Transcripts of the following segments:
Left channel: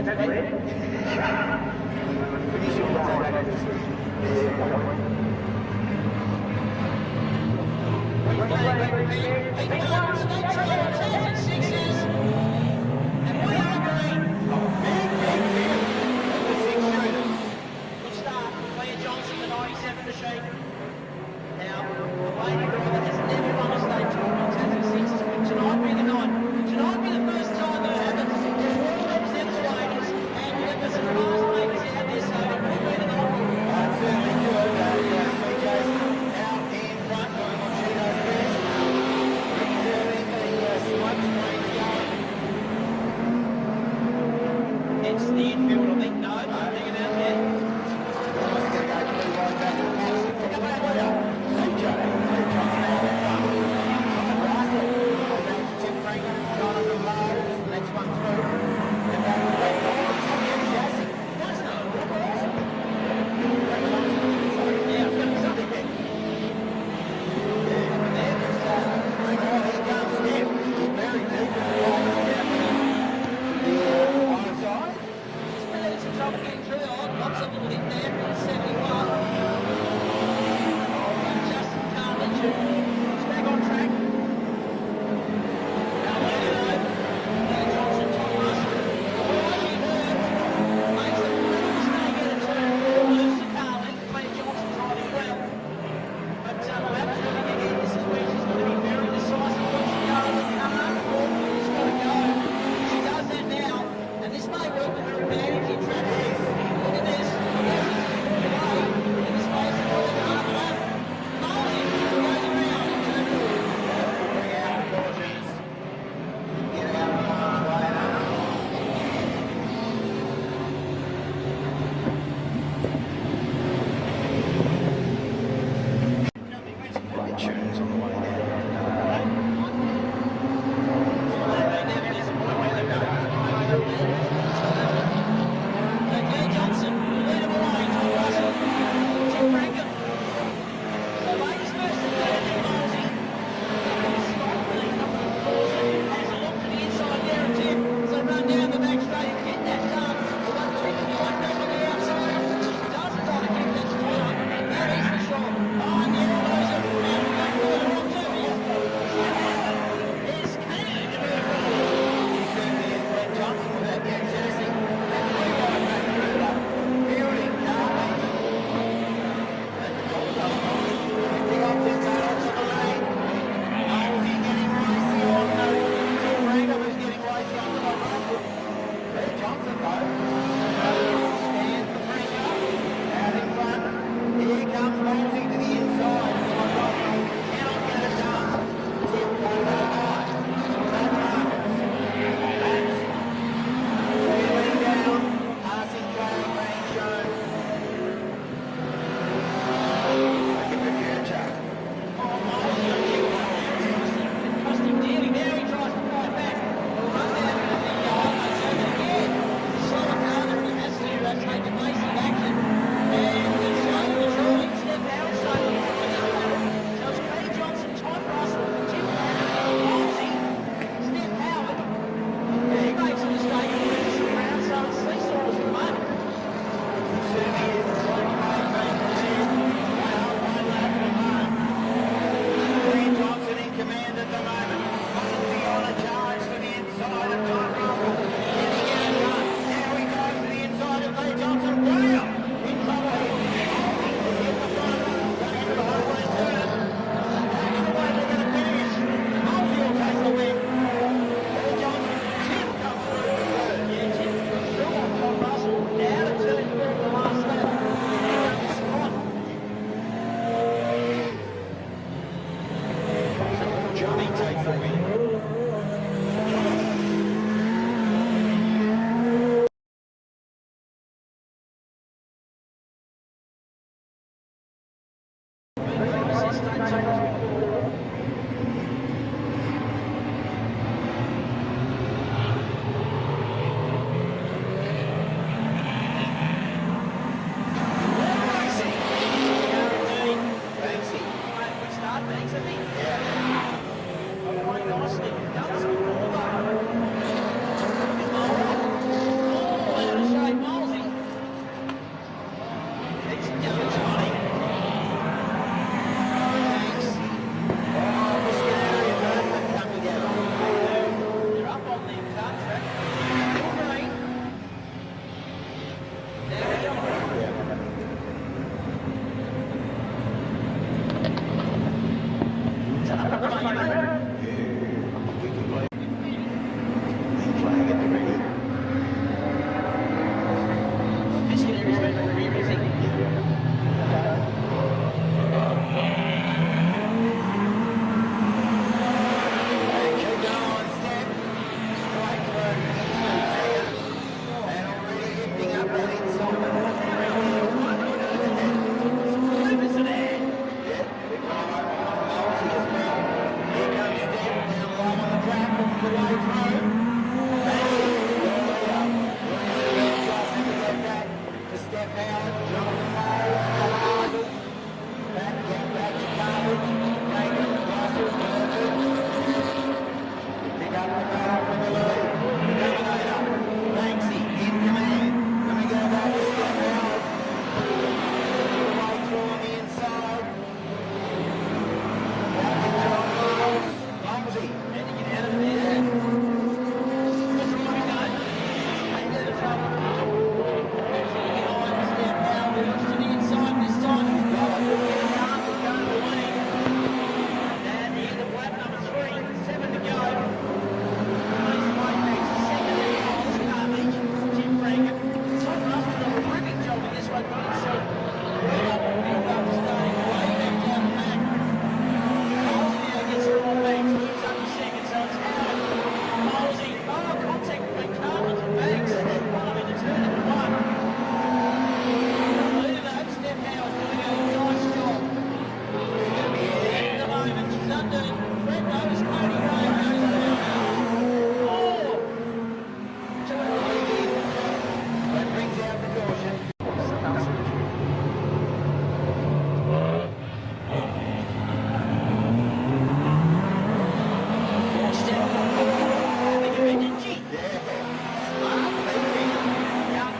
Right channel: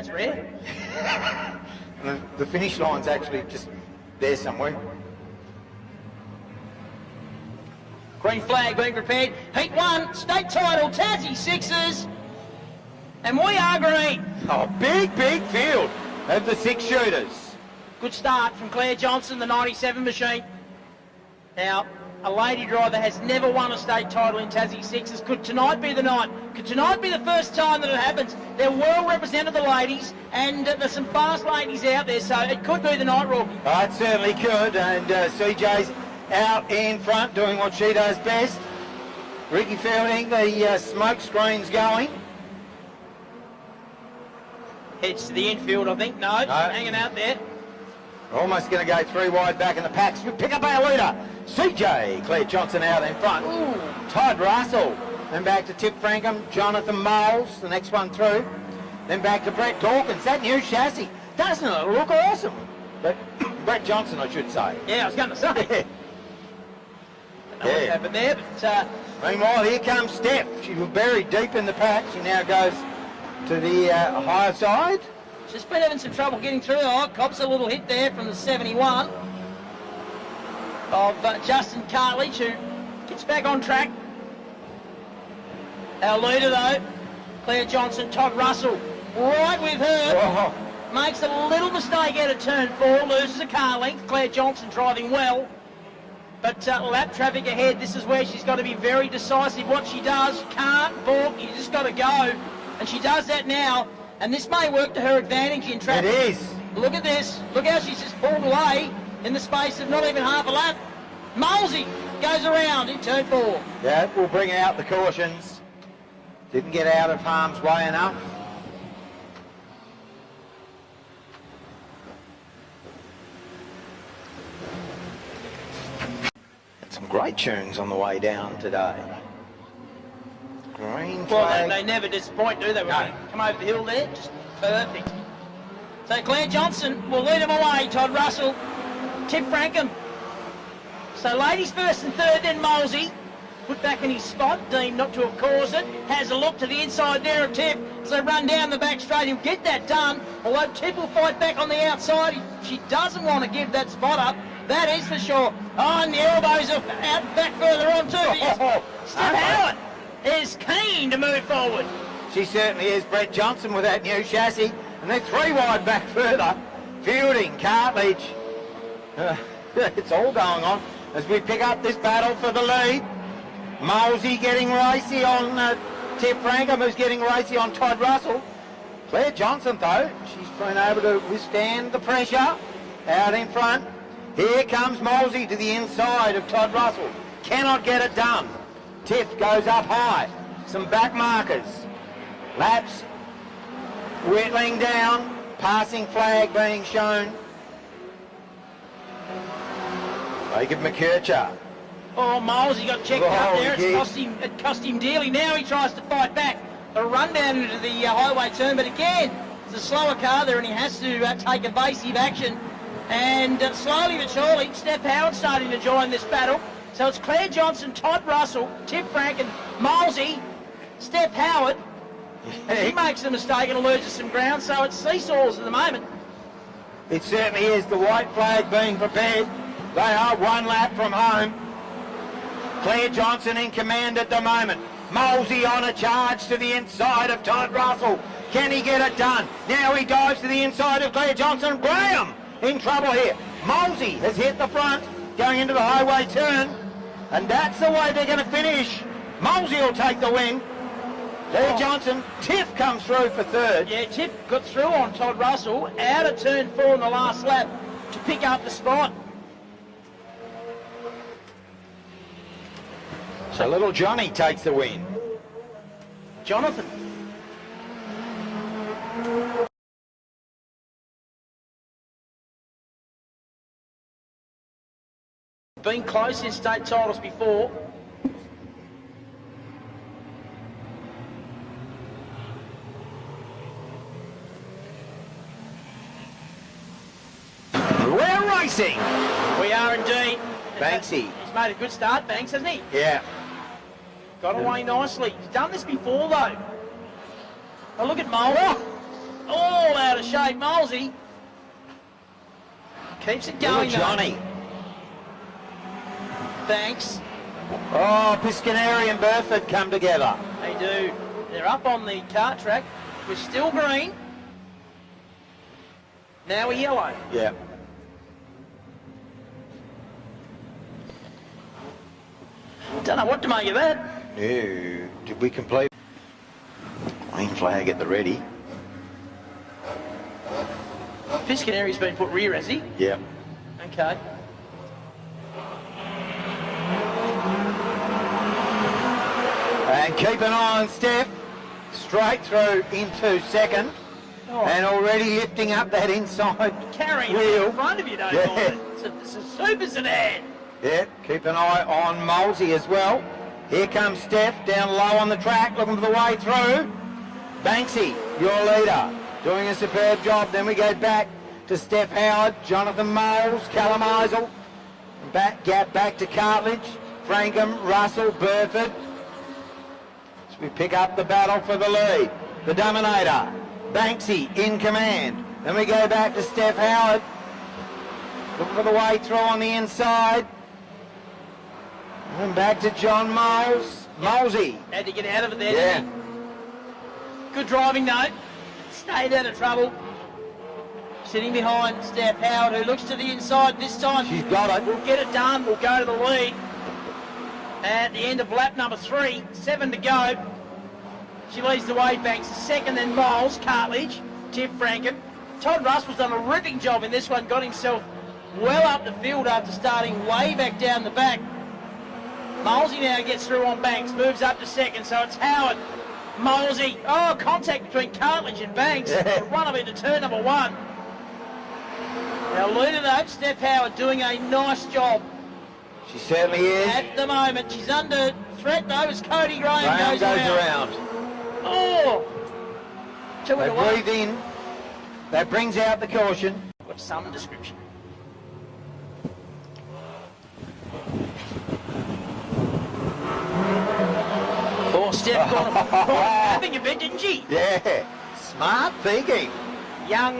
That's red. The finish line's actually just there somewhere. Green flag being prepared. Heat 1, state title, Tassie Sixers. And we are green. Oh, big field of the 6 shooters. Good start from Claire Johnson, the 97 machine. Now, a lady driver has never won a state title in Tassie Sixers. Could tonight be the night? Could tonight be the first time that it happens? They're well represented, the ladies, and there's some fast ladies out there, so it could be the night, Rook. Oh, it certainly could, and CJ's out in front doing what she does best. Ricky Fielding, the smoke screen's going. It's the infield, I think. No, hanging out there. Almost going to go 3 wide back in the packs to pick up our leader, CJ. Claire Johnson out in front. Todd Russell. And back to Tip Frankham, Jonathan Miles, the next one through. Then back to Brett Dawkins. That new chassis, doesn't it look awesome? But Brett Johnson, I should say. Yeah, I was going to say. Yeah. Happened there, but meanwhile, here comes Steph. She was buried deep in the pack. She now goes to the higher side. She's been having some trouble getting through. Oh, cops a little hit there from the 71 of Justin Cartledge, who gets back on track. Our leader, though, Claire Johnson, Todd Russell, right with her. Makes a little mistake out of turn 4, loses a car length. Claire Johnson driving well. But lap traffic ahead, this is where she's got to be very decisive. What she does, can't balk, you just got to go. And she does that now, and this may work to her advantage in traffic. It is. Look at this. Look how she's just pulled away in the space of not even half a lap. Molesy goes around in turn 4. Yeah, we'll bring out the cautions. Didn't get out of harm's way enough. Some great tunes on the way down today. Well, they never disappoint, do they? Come over the hill there, just perfect. So Claire Johnson will lead them away, Todd Russell, Tip Frankham. So ladies first and third, then Molesy. Put back in his spot, deemed not to have caused it. Has a look to the inside there of Tip. So run down the back straight, he'll get that done. Although Tip will fight back on the outside. She doesn't want to give that spot up, that is for sure. Oh, and the elbows are out back further on too. Steph Howard is keen to move forward. She certainly is. Brett Johnson with that new chassis. And they're 3 wide back further. Fielding, Cartledge. It's all going on as we pick up this battle for the lead. Molesy getting racy on Tip Frankham, who's getting racy on Todd Russell. Claire Johnson, though, she's been able to withstand the pressure. Out in front. Here comes Molesy to the inside of Todd Russell. Cannot get it done. Tip goes up high. Some back markers. Laps whittling down. Passing flag being shown. Jacob McKercher. Oh, Molesy got checked up there. It cost him dearly. Now he tries to fight back. A run down into the highway turn, but again, it's a slower car there and he has to take evasive action. And slowly but surely, Steph Howard starting to join this battle. So it's Claire Johnson, Todd Russell, Tip Frankham, Molesy, Steph Howard. And he makes a mistake and loses some ground, so it's seesaws at the moment. It certainly is. The white flag being prepared. They are 1 lap from home. Claire Johnson in command at the moment. Molesy on a charge to the inside of Todd Russell. Can he get it done? Now he dives to the inside of Claire Johnson. Graham in trouble here. Molesy has hit the front, going into the highway turn. And that's the way they're going to finish. Molesy will take the win. Claire Johnson, Tiff comes through for third. Yeah, Tiff got through on Todd Russell, out of turn 4 in the last lap to pick up the spot. So little Johnny takes the win. Jonathan. Been close in state titles before. We're racing. We are indeed. Banksy. He's made a good start, Banks, hasn't he? Yeah. Got away nicely. He's done this before, though. Oh, look at Mola. Oh, straight. Molesy keeps it going. Johnny. Thanks. Oh, Piscaneri and Burford come together. They do. They're up on the kart track. It's still green. Now we're yellow. Yeah. Don't know what to make of that. Yeah. Did we complete? Green flag at the ready. Piscaneri's been put rear, has he? Yeah. Okay. And keep an eye on Steph. Straight through into second. And already lifting up that inside Carrying wheel. in front of you, though. Yeah. Some supers in there. Yeah, keep an eye on Molesy as well. Here comes Steph down low on the track, looking for the way through. Banksy, your leader, doing a superb job. Then we go back to Steph Howard, Jonathan Moles, Callum Eisel. Gap back to Cartledge, Frankham, Russell, Burford. We pick up the battle for the lead. The Dominator, Banksy in command. Then we go back to Steph Howard. Look for the way through on the inside. And back to John Moles. Molesy. Had to get out of it there, Yeah. didn't he? Good driving, though. Stayed out of trouble. Sitting behind Steph Howard, who looks to the inside this time. She's got it. We'll get it done. We'll go to the lead. At the end of lap number 3, 7 to go. She leads the way back. Second then Moles, Cartledge, Tim Frankham. Todd Russell's done a terrific job in this one. Got himself well up the field after starting way back down the back. Molesy now gets through on Banks, moves up to second, so it's Howard, Molesy. Oh, contact between Cartledge and Banks. Run him into turn number 1. The leader though, Steph Howard, doing a nice job. She certainly is. At the moment, she's under threat though as Cody Graham goes around. Oh! Two They breathe in. That brings out the caution. Some description. Poor Steph got having a bit, didn't she? Yeah. Smart thinking. Young,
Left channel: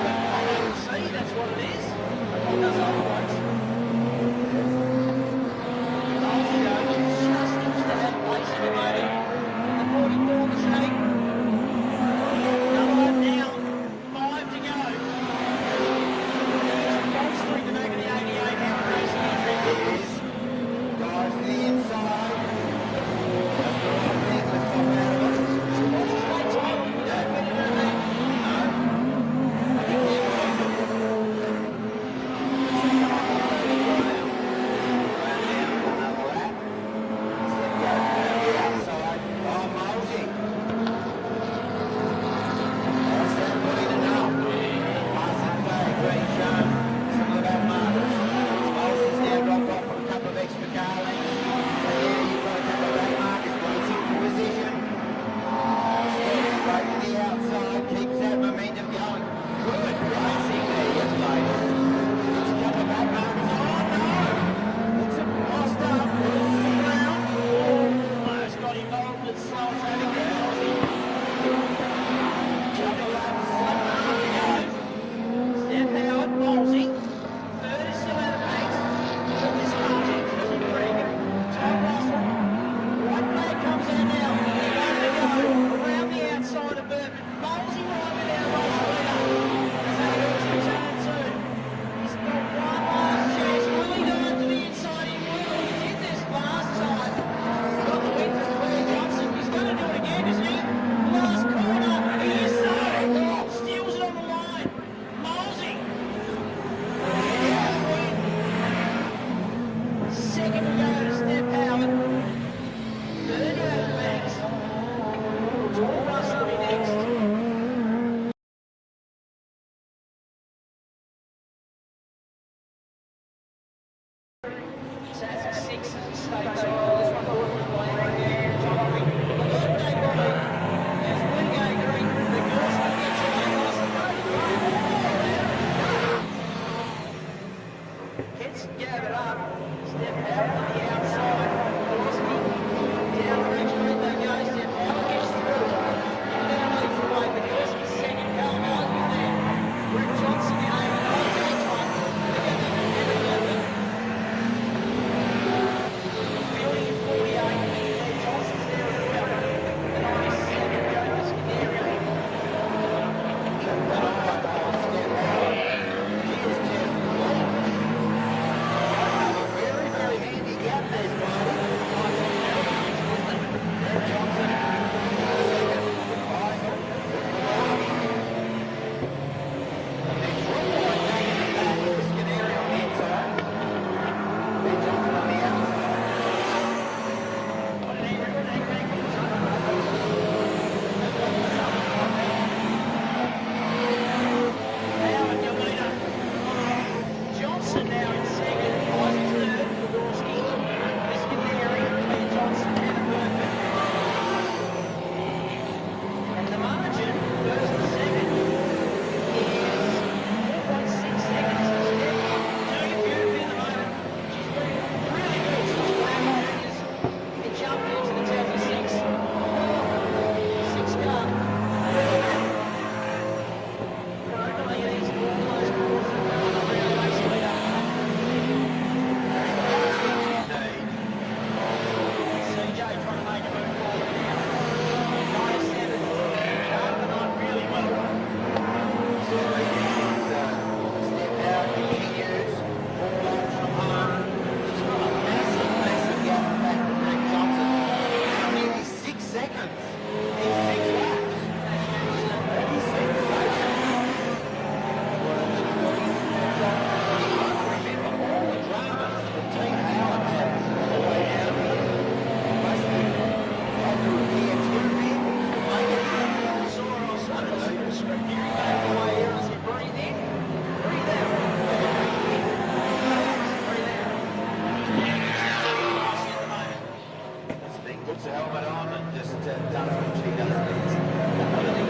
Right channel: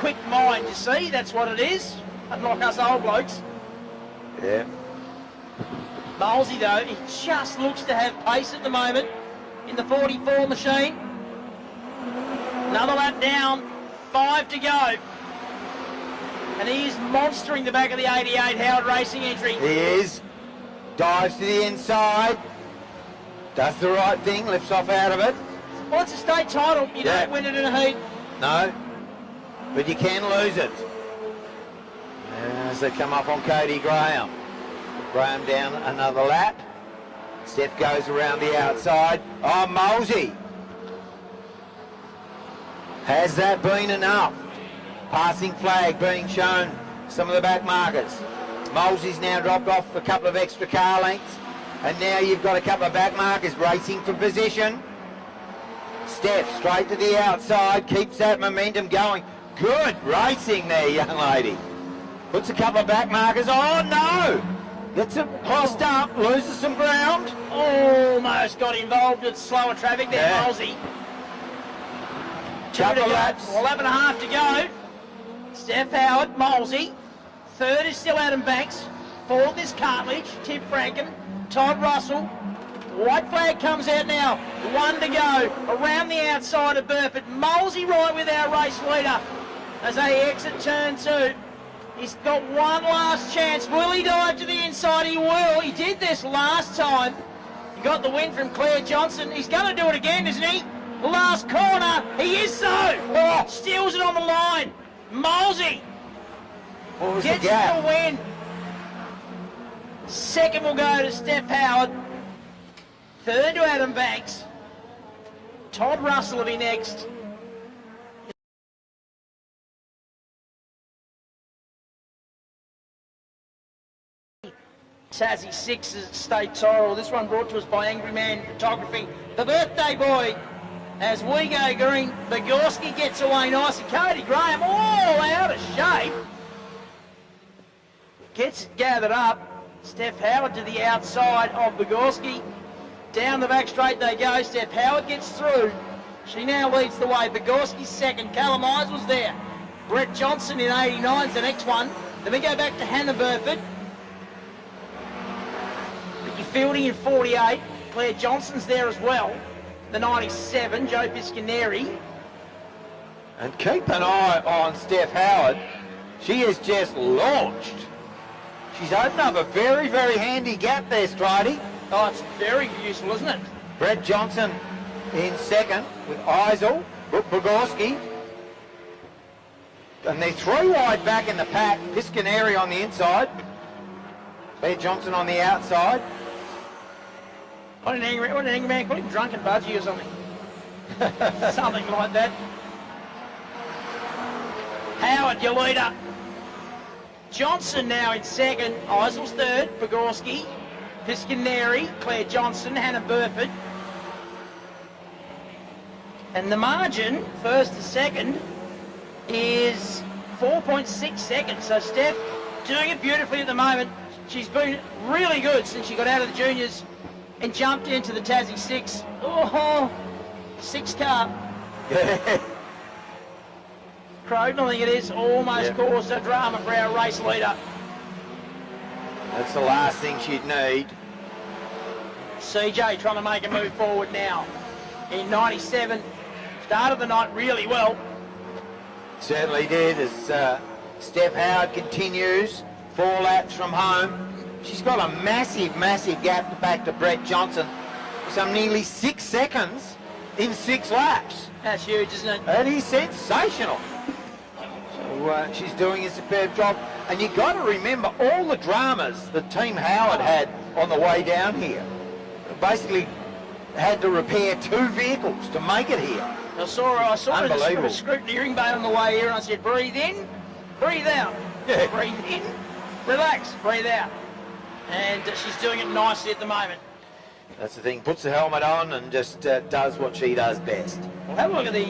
quick mind, see, that's what it is. Unlike us old blokes. Yeah. Molesy though, he just looks to have pace at the moment in the 44 machine. Another lap down, 5 to go. And he is monstering the back of the 88 Howard Racing entry. He is. Dives to the inside. Does the right thing, lifts off out of it. Well, it's a state title, you don't win it in a heat. No, but you can lose it. As they come up on Cody Graham. Graham down another lap. Steph goes around the outside. Oh, Molesy. Has that been enough? Passing flag being shown. Some of the back markers. Molesy's now dropped off a couple of extra car lengths. And now you've got a couple of back markers racing for position. Steph straight to the outside, keeps that momentum going. Good racing there, young lady. Puts a couple of back markers. Oh no! Gets it crossed up, loses some ground. Almost got involved with slower traffic there, Molesy. Couple of laps. 11 and a half to go. Steph Howard, Molesy. Third is still Adam Banks. Fourth is Cartledge, Tim Frankham, Todd Russell. White flag comes out now. 1 to go. Around the outside of Burford. Molesy right with our race leader as they exit turn 2. He's got one last chance. Will he dive to the inside? He will. He did this last time. Got the win from Claire Johnson. He's going to do it again, isn't he? The last corner. He is so. Oh, steals it on the line. Molesy gets the win. Second will go to Steph Howard. Third to Adam Banks. Todd Russell will be next. Tassie 6 is state title. This one brought to us by Angry Man Photography. The birthday boy. As we go green, Bogorski gets away nice and Cody Graham all out of shape. Gets gathered up. Steph Howard to the outside of Bogorski. Down the back straight they go. Steph Howard gets through. She now leads the way. Bogorski's second. Callum Eisel's there. Brett Johnson in 89 is the next one. Then we go back to Hannah Burford. Fielding in 48. Claire Johnson's there as well. The 97, Joe Piscaneri. And keep an eye on Steph Howard. She has just launched. She's opened up a very, very handy gap there, Stridey. Oh, it's very useful, isn't it? Brett Johnson in second with Eisel, Bogorski. And they're three wide back in the pack. Piscaneri on the inside. Claire Johnson on the outside. What an angry man, put him drunk at Buzzy or something. Something like that. Howard, your leader. Johnson now in second. Isaac's third. Bogorski. Piscaneri. Claire Johnson. Hannah Burford. And the margin, first to second, is 4.6 seconds. So Steph doing it beautifully at the moment. She's been really good since she got out of the juniors and jumped into the Tassie 6. Oh, 6 car. Croydon, I think it is, almost caused a drama for our race leader. That's the last thing she'd need. CJ trying to make a move forward now. In 97, started the night really well. Certainly did, as Steph Howard continues, 4 laps from home. She's got a massive, massive gap back to Brett Johnson. Some nearly 6 seconds in 6 laps. That's huge, isn't it? That is sensational. So, she's doing a superb job. And you've got to remember all the dramas that Team Howard had on the way down here. Basically had to repair 2 vehicles to make it here. I saw the scrutineering bay on the way here, and I said, breathe in, breathe out. Yeah, breathe in, relax, breathe out. And she's doing it nicely at the moment. That's the thing, puts the helmet on and just does what she does best. Have a look at the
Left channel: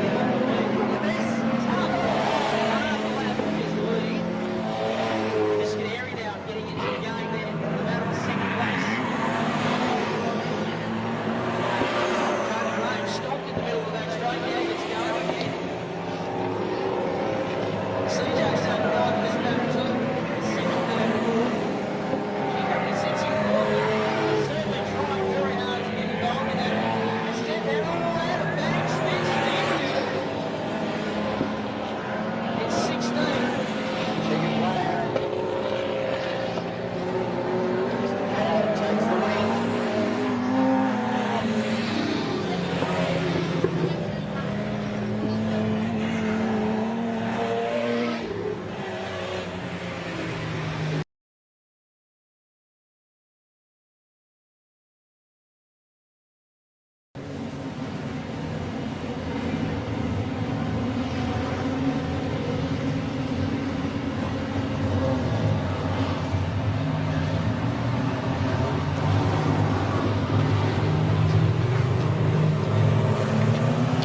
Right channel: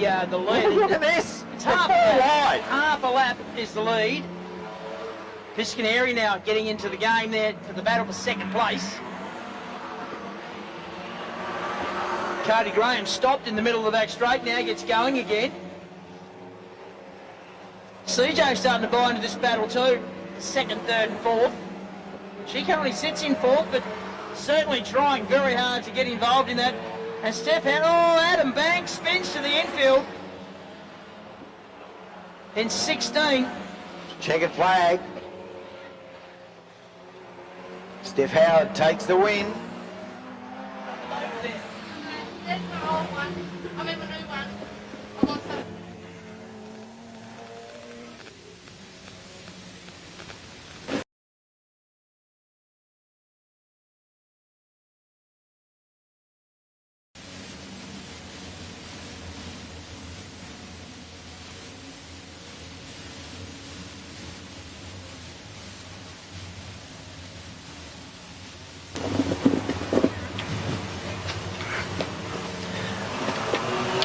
lead. Look at this. It's half a lap is the lead. Piscaneri now getting into the game there, the battle for second place. Cody Graham stopped in the middle of the back straight, now gets going again. CJ starting to buy into this battle too. Second, third, and fourth. She currently sits in fourth, but certainly trying very hard to get involved in that. And Steph had, Adam Banks spins to the infield. In 16. Checkered flag. Steph Howard takes the win.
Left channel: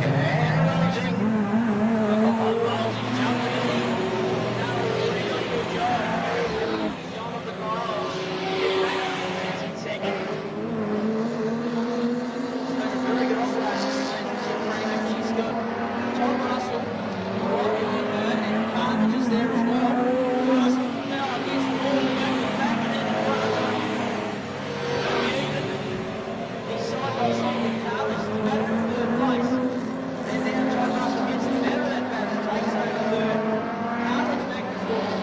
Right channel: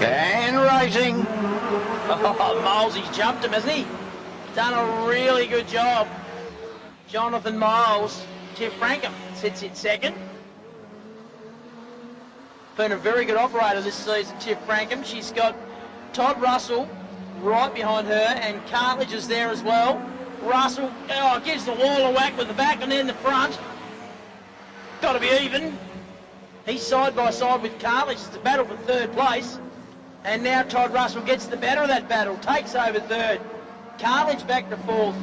And racing. Milesy jumped him, hasn't he? Done a really good job. Jonathan Miles. Tip Frankham sits in second. Been a very good operator this season, Tip Frankham. She's got Todd Russell right behind her, and Carthage is there as well. Russell gives the wall a whack with the back and then the front. Got to be even. He's side by side with Carthage. It's a battle for third place. And now Todd Russell gets the better of that battle, takes over third. Carthage back to fourth.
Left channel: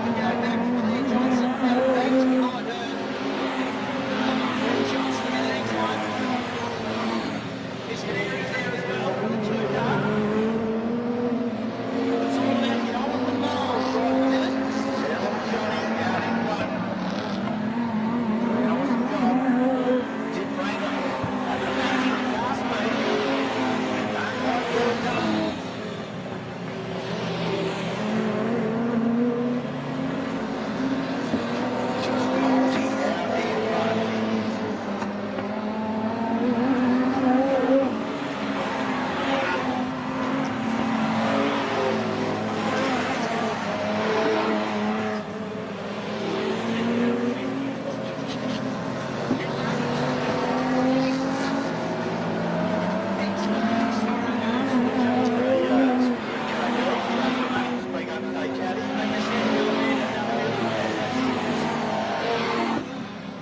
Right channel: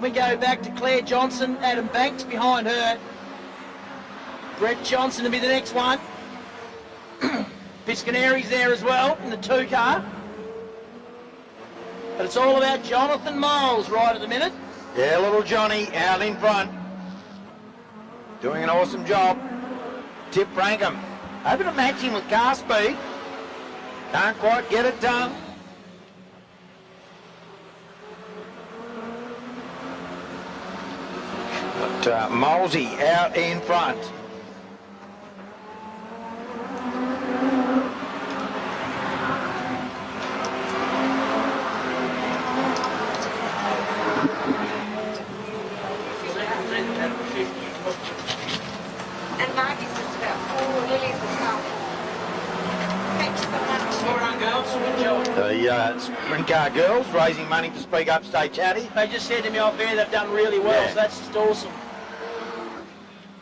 We go back to Claire Johnson, Adam Banks behind her. Brett Johnson to be the next one. Piscaneri's there as well in the 2 car. But it's all about Jonathan Miles right at the minute. Yeah, little Johnny out in front. Doing an awesome job. Tip Frankham. Over to matching with car speed. Can't quite get it done. But Molesy out in front. Supercar girls raising money to speak up, stay chatty. They just said to me off air they've done really well, so that's just awesome.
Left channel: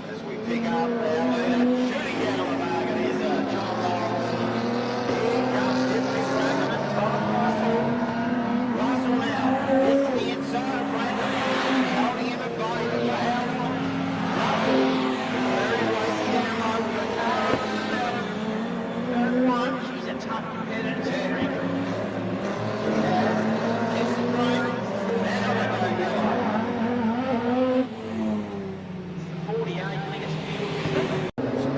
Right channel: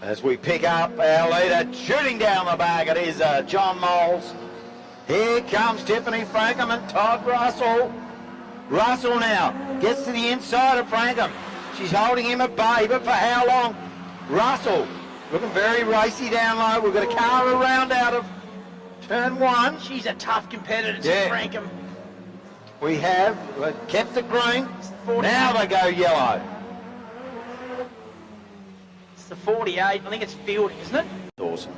As we pick up our leader, shooting down the back, it is John Moles. Here comes Tiffany Frankham and Todd Russell. Russell now gets to the inside of Frankham. She's holding him at bay, but for how long? Russell looking very racy down low. We've got a car around out of turn one. She's a tough competitor, Frankham. We have kept the green. Now they go yellow. It's the 48. I think it's field, isn't it? Awesome.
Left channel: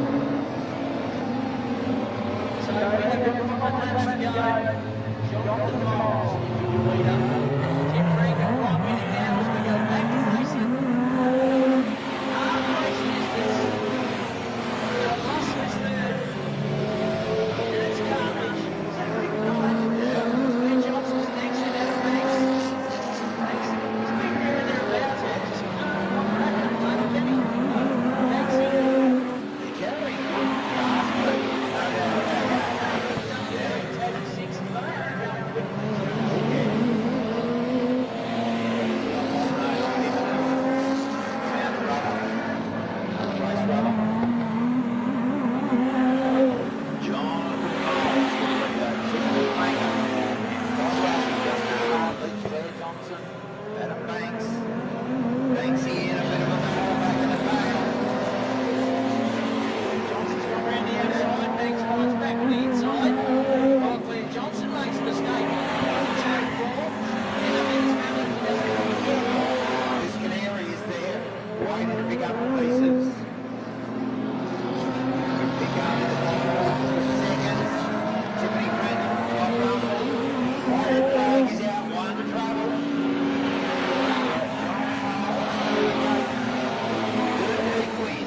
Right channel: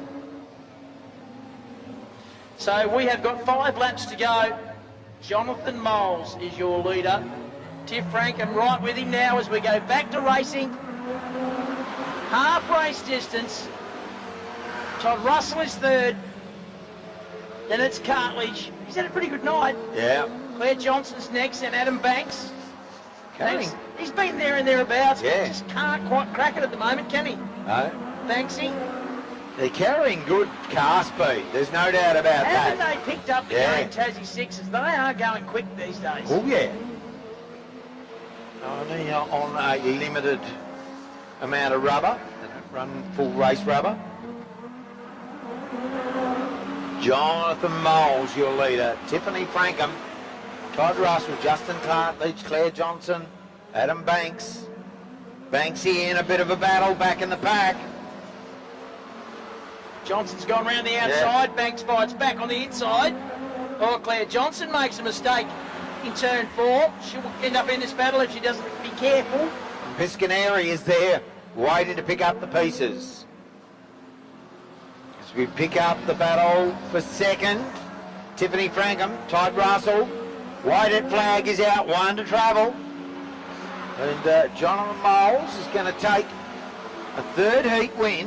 So we have got 5 laps to go. Jonathan Moles is your leader. Tiff Frankham right with him now as we go back to racing. Half race distance. Todd Russell is third. And it's Cartledge. He's had a pretty good night. Yeah. Claire Johnson's next and Adam Banks. He's been there and thereabouts. Yeah. Just can't quite crack it at the moment, can he? No. Banksy. They're carrying good car speed. There's no doubt about that. Haven't they picked up the game Tassie 6s? They are going quick these days. Oh, yeah. On a limited amount of rubber. Full race rubber. Jonathan Moles, your leader. Tiffany Frankham, Todd Russell, Justin Cartledge, Claire Johnson, Adam Banks. Banksy in a bit of a battle back in the pack. Johnson's gone round the outside. Banks fights back on the inside. Oh, Claire Johnson makes a mistake in turn 4. She'll end up in this battle if she doesn't be careful. Piscaneri is there, waiting to pick up the pieces. We pick up the battle for second. Tiffany Frankham, Todd Russell. Whitehead flag is out, 1 to travel. And Jonathan Moles is going to take the 3rd heat win.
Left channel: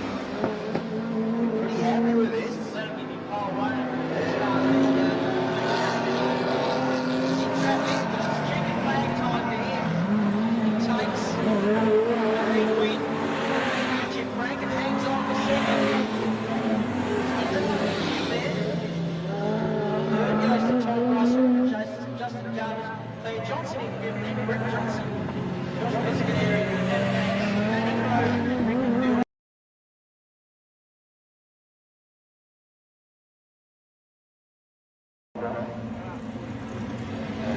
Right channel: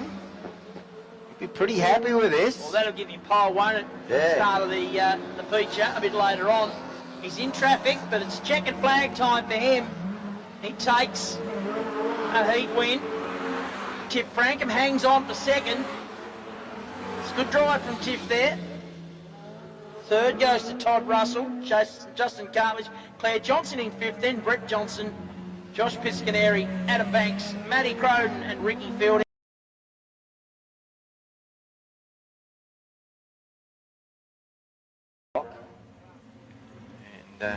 Be pretty happy with this. Well, that'll give you pole 1 at the start of the feature a bit later on. He's in traffic, but it's checkered flag time for him. He takes a heat win. Tiff Frankham hangs on for second. Good drive from Tiff there. 3rd goes to Todd Russell, Justin Cartledge, Claire Johnson in 5th, then Brett Johnson, Josh Piscaneri, Adam Banks, Matty Crowe and Ricky Fielding.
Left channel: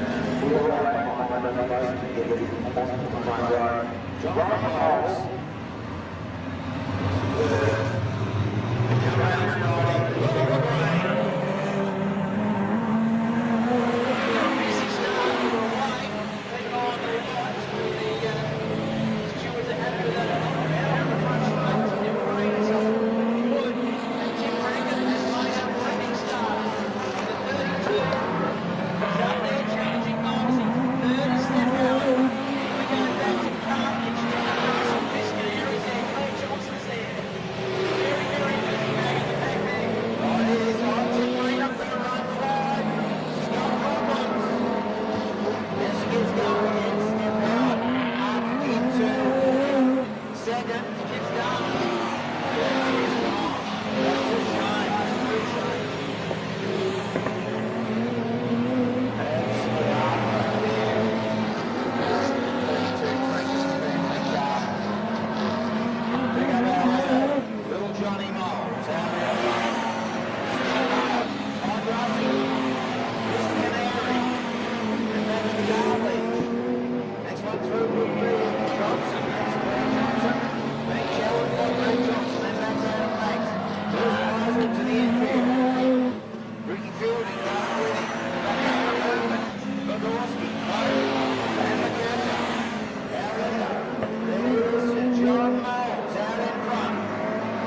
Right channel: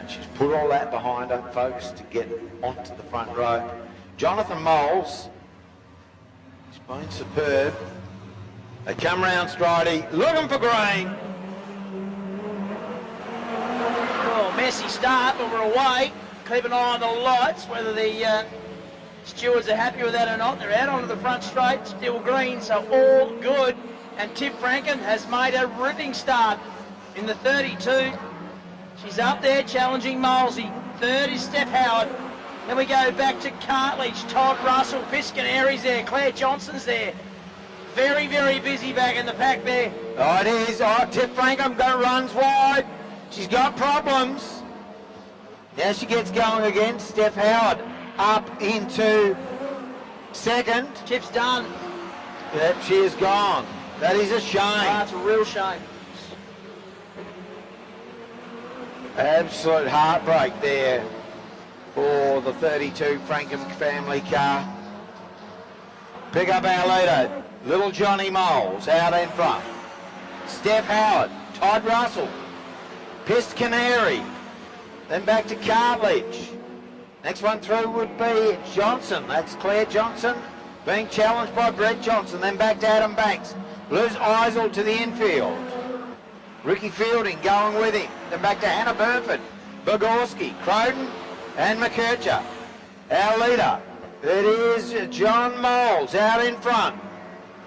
She's put all that behind her, folks, to get onto the front row. Jonathan Moles, superb. They come round Stridey, looking for green. Well, messy start, but we're away. Keep an eye on the lights, whether the stewards are happy with that or not. They're out onto the front straight, still green, so all good. And Tiff Frankham has made a ripping start in the 32. She's up there challenging Molesy. 3rd is Steph Howard. Then we go back to Cartledge, Todd Russell, Piscaneri's there, Claire Johnson's there. Very, very busy back in the pack there. Oh, it is. Oh, Tiff Frankham runs wide. She's got problems. Now she gets going again. Steph Howard up into 2nd. Tiff's done. Yep, she is gone. That is a shame. That's a real shame. Absolute heartbreak there for the 32 Frankham family car. Pick up our leader, little Johnny Moles out in front. Steph Howard, Todd Russell, Piscaneri, then back to Cartledge. Next one through would be Johnson. That's Claire Johnson being challenged by Brett Johnson. Then back to Adam Banks. Blues Eisel to the infield. Ricky Fielding going with him. Then back to Hannah Burford, Bogorski, Crowe and McKercher. Our leader, it is John Moles out in front.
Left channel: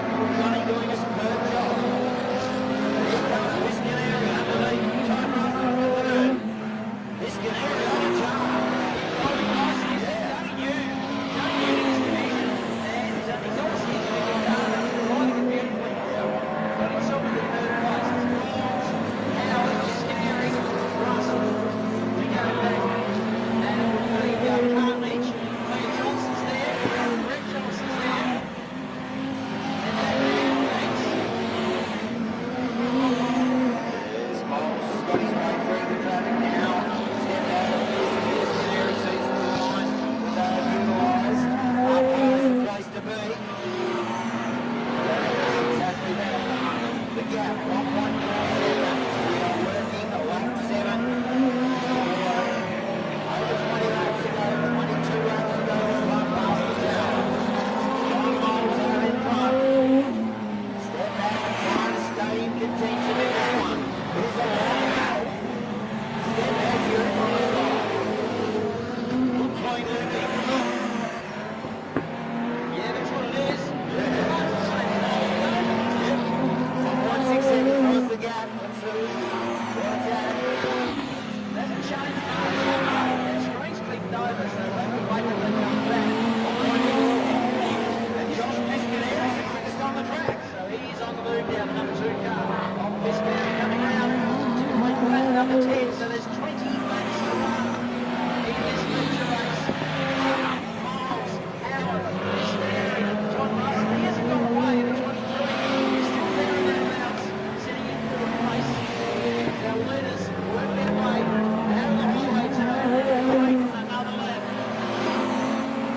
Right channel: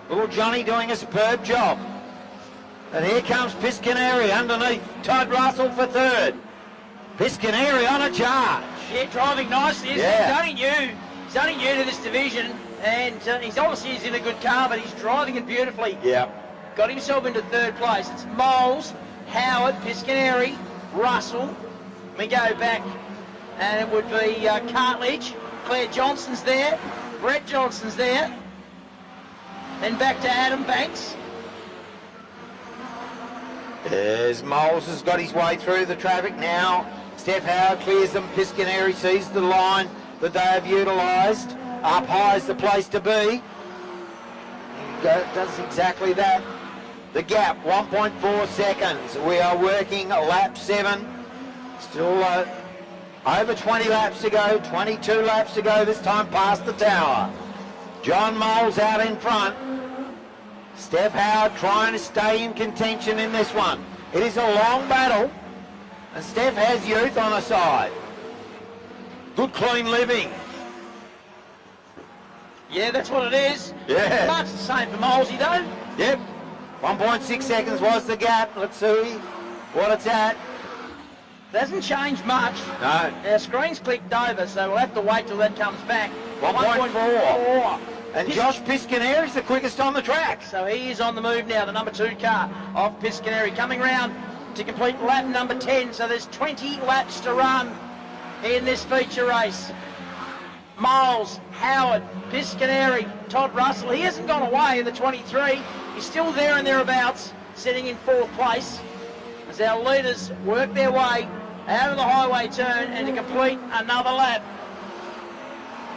Little Johnny doing a superb job. And here comes Piscaneri underneath Todd Russell for 3rd. Piscaneri on a jar. Yeah, driving nicely. He's only new to this division, and he's obviously in a good car, but he's driving it beautifully. Yeah. Got himself into 3rd place. It's Moles, Howard, Piscaneri, Russell. We go back, and it would be Cartledge. Claire Johnson's there, Brett Johnson's there. Then back to Adam Banks. As Moles has got his way through the traffic now. Steph Howard clears them. Piscaneri sees the line that they have utilised. Up high is the place to be. That's exactly that. The gap, 1.4 seconds. We are working lap 7. Still over 20 laps to go, 22 laps to go, this time past the tower. John Moles out in front. Steph Howard trying to stay in contention in this one. It is a long battle. Steph has youth on her side. Good clean living. Yeah, that's what it is. Yeah. Much the same for Molesy though. Yep. 1.6 seconds was the gap. Let's see what it's at. It hasn't changed much. No. Our screen's clicked over, so we'll have to wait till that comes back. 1.4. And Josh Piscaneri's the quickest on the track. So he is on the move now, the number 2 car of Piscaneri coming round to complete lap number 10. So there's 20 laps to run in this feature race. Miles, Howard, Piscaneri, Todd Russell. He hasn't gone away in the 23. He's still there and thereabouts, sitting in 4th place. As our leaders work their way out of the highway turn and to complete another lap.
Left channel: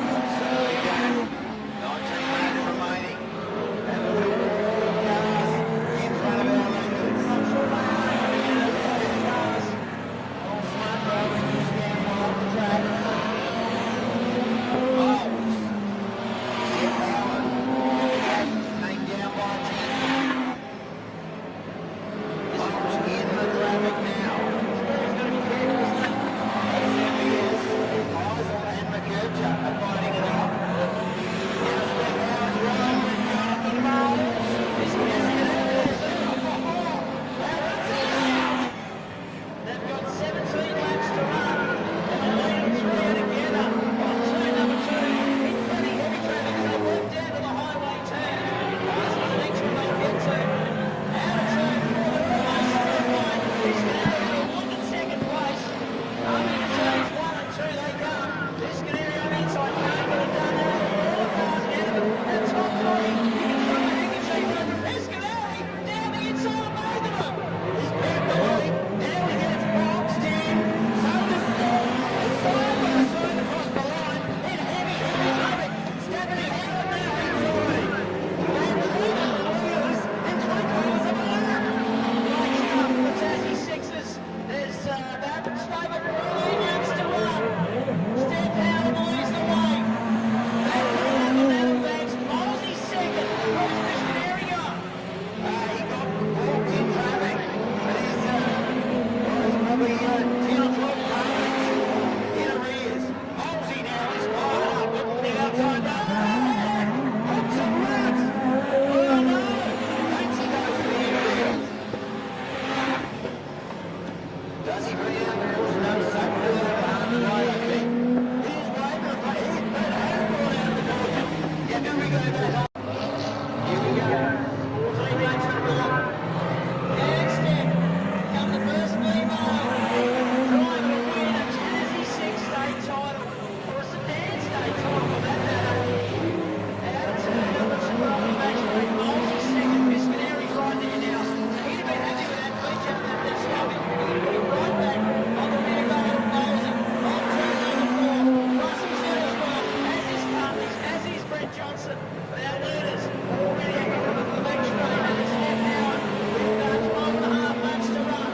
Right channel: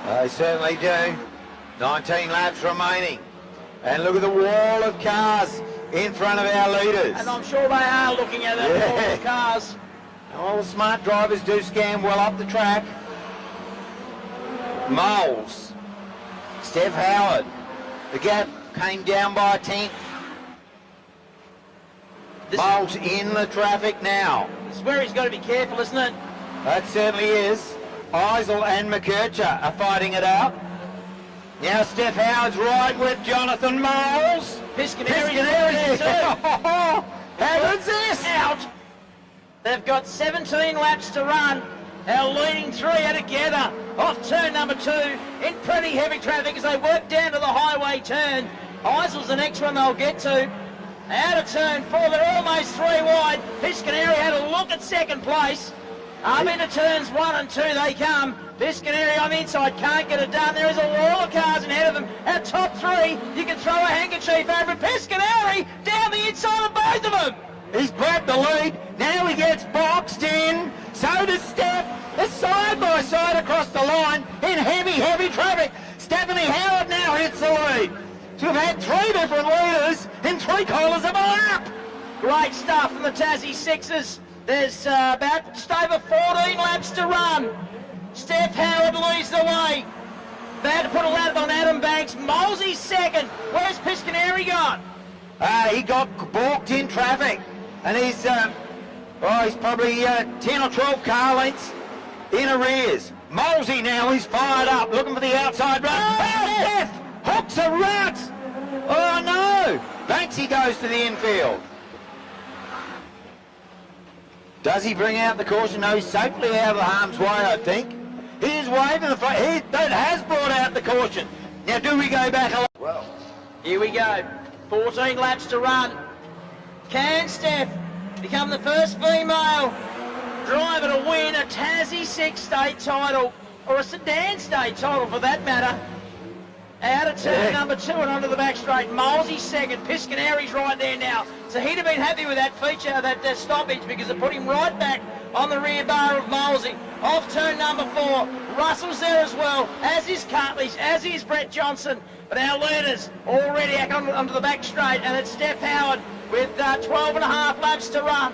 They certainly do. 19 laps remaining. And look at the wall of cars in front of our leaders. And I'm sure they are looking at that wall of cars. All smart drivers do scan well up the track. Moles. Steph Howard. The gap came down by a tenth. Moles in the traffic now. This is where he's got to be careful, isn't it? That certainly is. Eisel and McKercher are fighting it out. Now Steph Howard's right with Jonathan Moles. Piscaneri. How good's this? Out. They've got 17 laps to run. Our leading 3 are together off turn number 2 in pretty heavy traffic as they work down to the highway turn. Eisel's the next one they'll get to. Out of turn 4, they're almost 3 wide. Piscaneri had a look at second place. Up into turns 1 and 2 they come. Piscaneri on the inside can't get it done. There is a wall of cars ahead of them. Our top 3, you can throw a handkerchief over. Piscaneri down the inside of both of them. He's grabbed the lead. Now he gets boxed in. So does Steph. It's side by side across the line in heavy traffic. Stephanie Howard now hits the lead. So we've had 3 different leaders in 3 quarters of a lap. Great stuff for the Tassie Sixers. There's about just over 14 laps to run. Steph Howard leads the way. They had to put a lap on Adam Banks. Molesy second. Where's Piscaneri gone? He got balked in traffic. And he's probably 10 or 12 car lengths in arrears. Molesy now is fired up, looking for the outside run. Steph hooks a rut. Oh no! Banksy goes to the infield. Does he bring out the caution? No, he's safely out of the harm's way, I think. He is waving the front. That has brought out the caution. Now, do we go back? Here we go. 14 laps to run. Can Steph become the first female driver to win a Tassie 6 state title, or a Sedan state title for that matter? Out of turn number 2 and onto the back straight. Molesy second. Piscaneri's right there now. So he'd have been happy with that feature, that stoppage, because it put him right back on the rear bar of Molesy. Off turn number 4. Russell's there as well, as is Cartley's, as is Brett Johnson. But our leaders already onto the back straight, and it's Steph Howard with 12 and a half laps to run.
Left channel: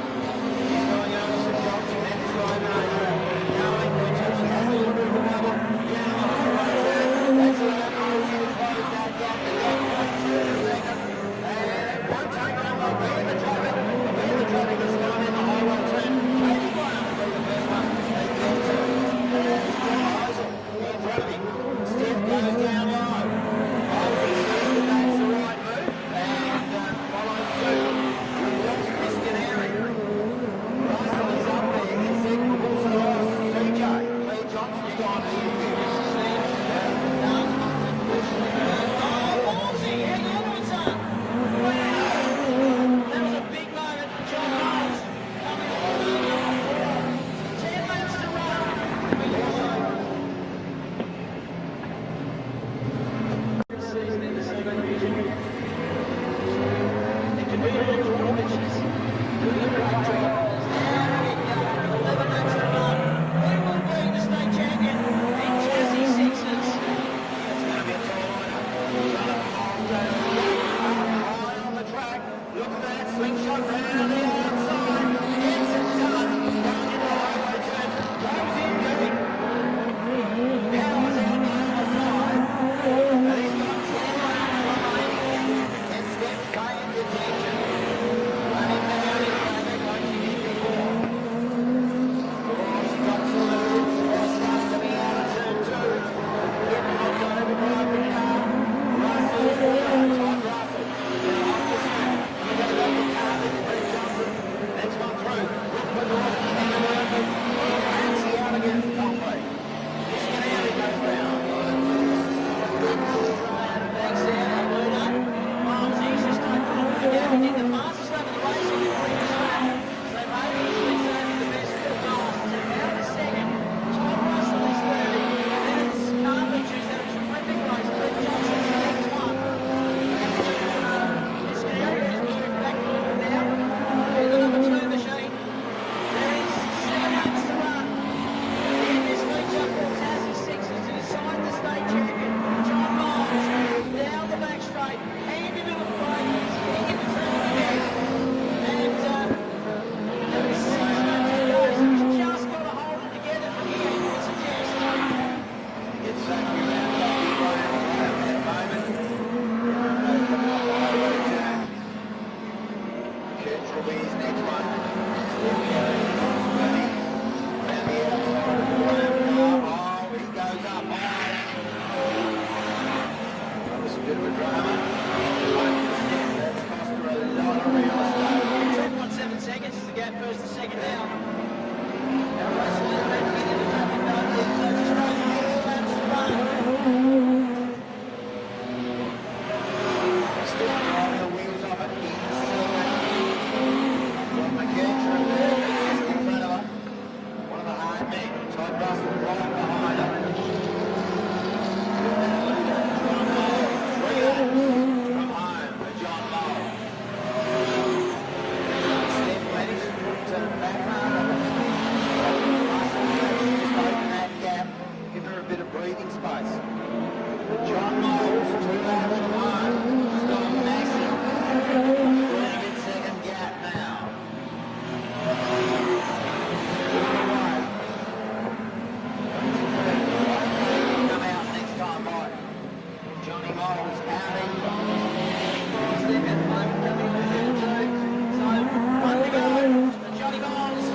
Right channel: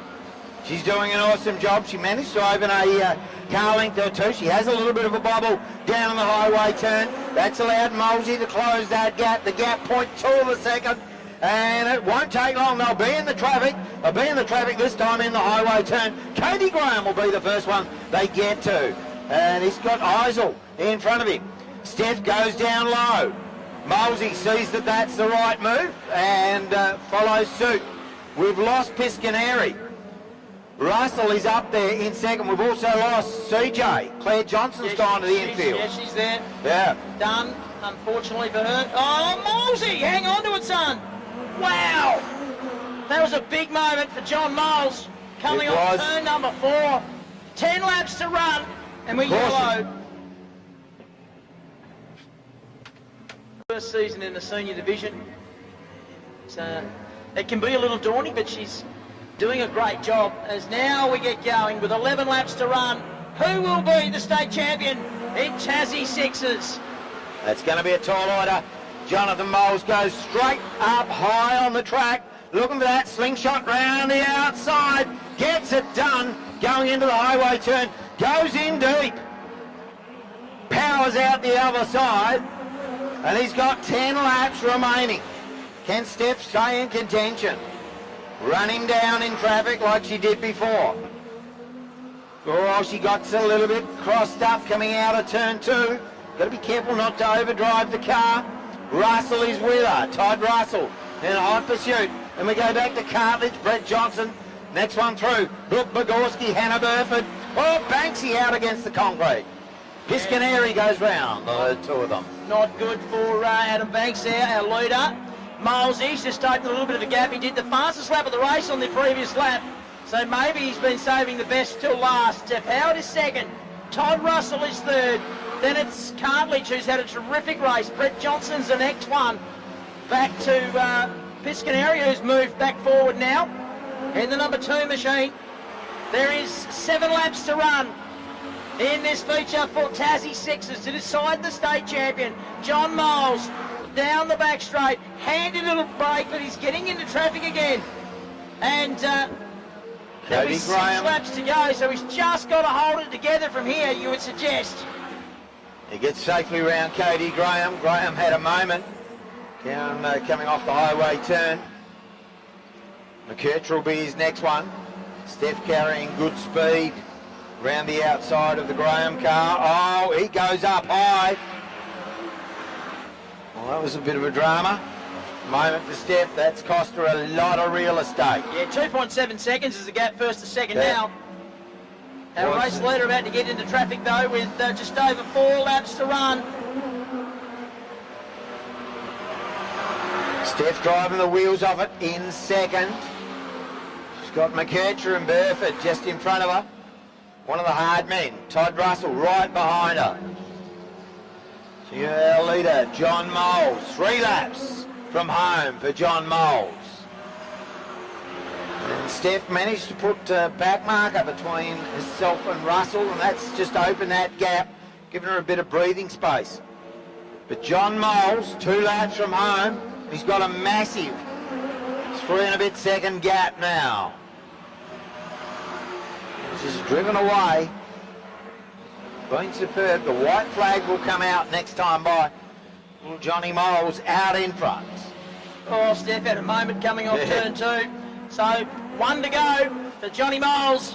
She's doing an awesome job. She managed to open a car length or 2. She has a little bit of a bubble down on the highway turn. That's allowed Molesy to close that gap. The gap 0.2 of a second. And it won't take long. They'll be in the traffic. They'll be in the traffic this time in the highway turn. Katie Graham will be the first one they get to. And he's got Eisel in front of him. Steph goes down low. Molesy sees that that's the right move and follows suit. We've lost Piscaneri. Russell is up there in second. We've also lost CJ. Claire Johnson's gone to the infield. Yeah, she's there. Yeah. Done, unfortunately for her. Oh, Molesy, hang on to it, son. Wow. That was a big moment for John Moles coming on turn number 4. 10 laps to run, and we're yellow. First season in the senior division. So it can be a little daunting, but she's doing a great job as now we get going with 11 laps to run. Who will be the state champion in Tassie Sixes? That's going to be a tall order. Jonathan Moles goes straight up high on the track, looking for that slingshot round the outside, gets it done, going into the highway turn, goes in deep, powers out the other side, and he's got 10 laps remaining. 10 steps, stay in contention. Running down in traffic like she did before. Oh, she got a little bit crossed up coming out of turn 2. Got to be careful not to overdrive the car. Russell is with her, Todd Russell in a hot pursuit. And we go back to Carthage, Brett Johnson. Next one through, Brooke Bogorski, Hannah Burford. Oh, Banksy out against the concrete. Piscaneri goes round, the two of them. Not good for Adam Banks there, our leader. Miles East just opened a little bit of a gap. He did the fastest lap of the race on the previous lap. So maybe he's been saving the best till last. Jeff Howard is second. Todd Russell is third. Then it's Cartledge who's had a terrific race. Brett Johnson's the next one. Back to Piscaneri who's moved back forward now. In the number 2 machine. There is 7 laps to run in this feature for Tassie Sixes to decide the state champion. John Miles down the back straight, handy little break, but he's getting into traffic again. And there'll be 6 laps to go, so he's just got to hold it together from here, you would suggest. He gets safely around Katie Graham. Graham had a moment down coming off the highway turn. McKercher will be his next one. Steph carrying good speed around the outside of the Graham car. Oh, he goes up high. Well, that was a bit of a drama. Moment for Steph, that's cost her a lot of real estate. Yeah, 2.7 seconds is the gap first to second now. Our race leader about to get into traffic though with just over 4 laps to run. Steph driving the wheels off it in second. She's got McKercher and Burford just in front of her. One of the hard men, Todd Russell, right behind her. Your leader, John Moles. 3 laps from home for John Moles. Steph managed to put a back marker between herself and Russell, and that's just opened that gap, giving her a bit of breathing space. But John Moles, 2 laps from home, he's got a massive 3 and a bit second gap now. Driven away. Going superb. The white flag will come out next time by. Johnny Moles out in front. Oh, Steph had a moment coming off turn 2. So 1 to go for Johnny Moles.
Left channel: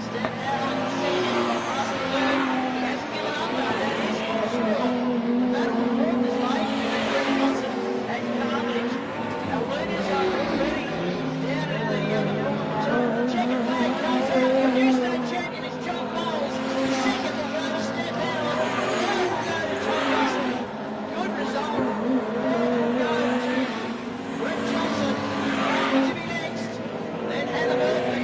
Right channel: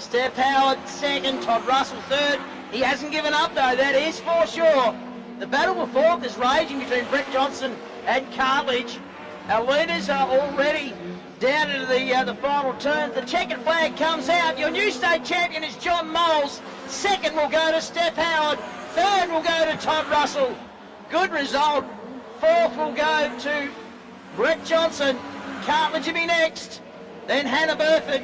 Steph Howard second, Todd Russell third. He hasn't given up though, that is for sure. The battle will fall this raging between Brett Johnson and Cartledge. Our leaders are already down into the final turn. The checkered flag comes out. Your new state champion is John Moles. Second will go to Steph Howard. Third will go to Todd Russell. Good result. Fourth will go to Brett Johnson. Cartledge will be next. Then Hannah Burford.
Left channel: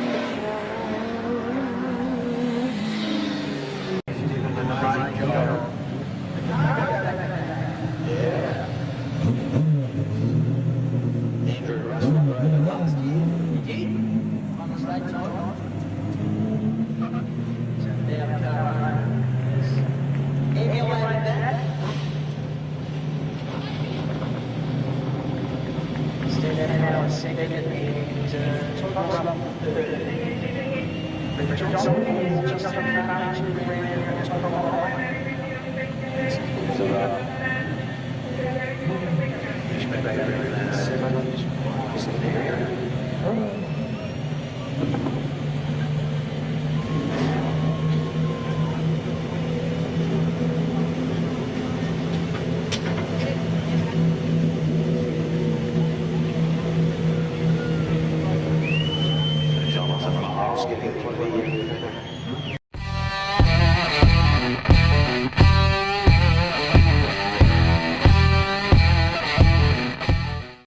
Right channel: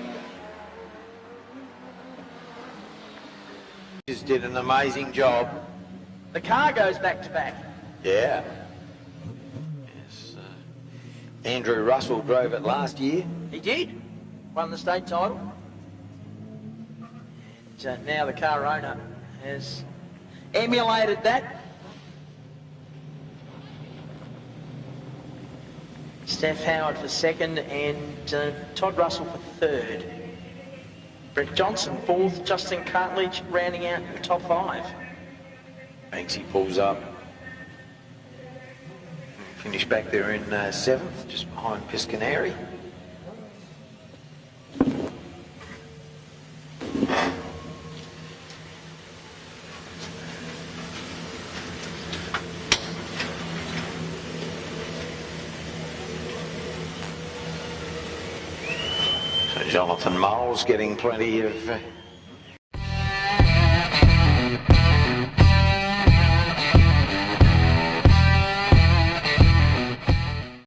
Just did an amazing job. The car goes back to back. Yeah. Andrew Russell drove it last year. He did. Won the state title. So now the car owner has emulated that. Steph Howard for second and Todd Russell for third. Brett Johnson fourth, Justin Cartledge rounding out the top 5. Banksy pulls up. He's back there in 7th, just behind Piscaneri. So Jonathan Moles getting plenty of